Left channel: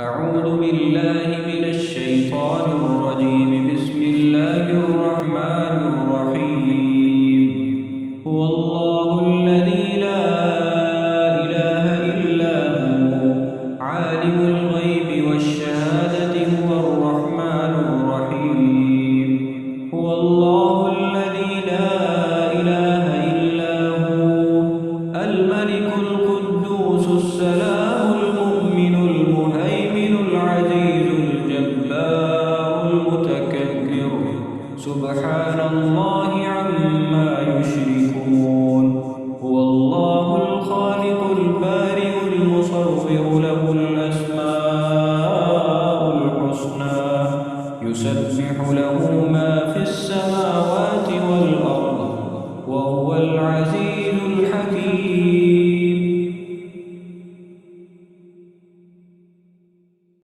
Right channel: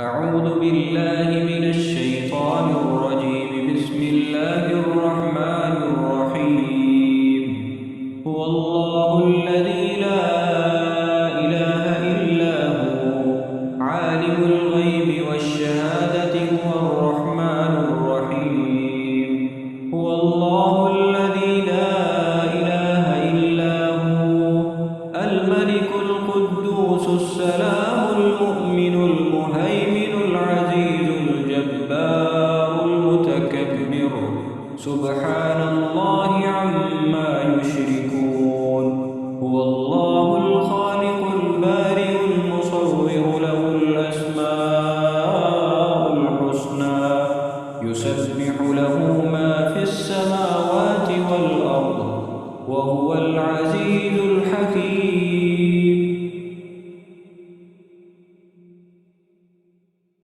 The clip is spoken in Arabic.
أعوذ بالله من الشيطان الرجيم. بسم الله الرحمن الرحيم. هو الله الذي لا إله إلا هو عالم الغيب والشهادة هو الرحمن الرحيم. هو الله الذي لا إله إلا هو الملك القدوس السلام المؤمن المهيمن العزيز الجبار المتكبر سبحان الله عما يشركون. هو الله الخالق البارئ المصور له الأسماء الحسنى يسبح له ما في السماوات والأرض وهو العزيز الحكيم.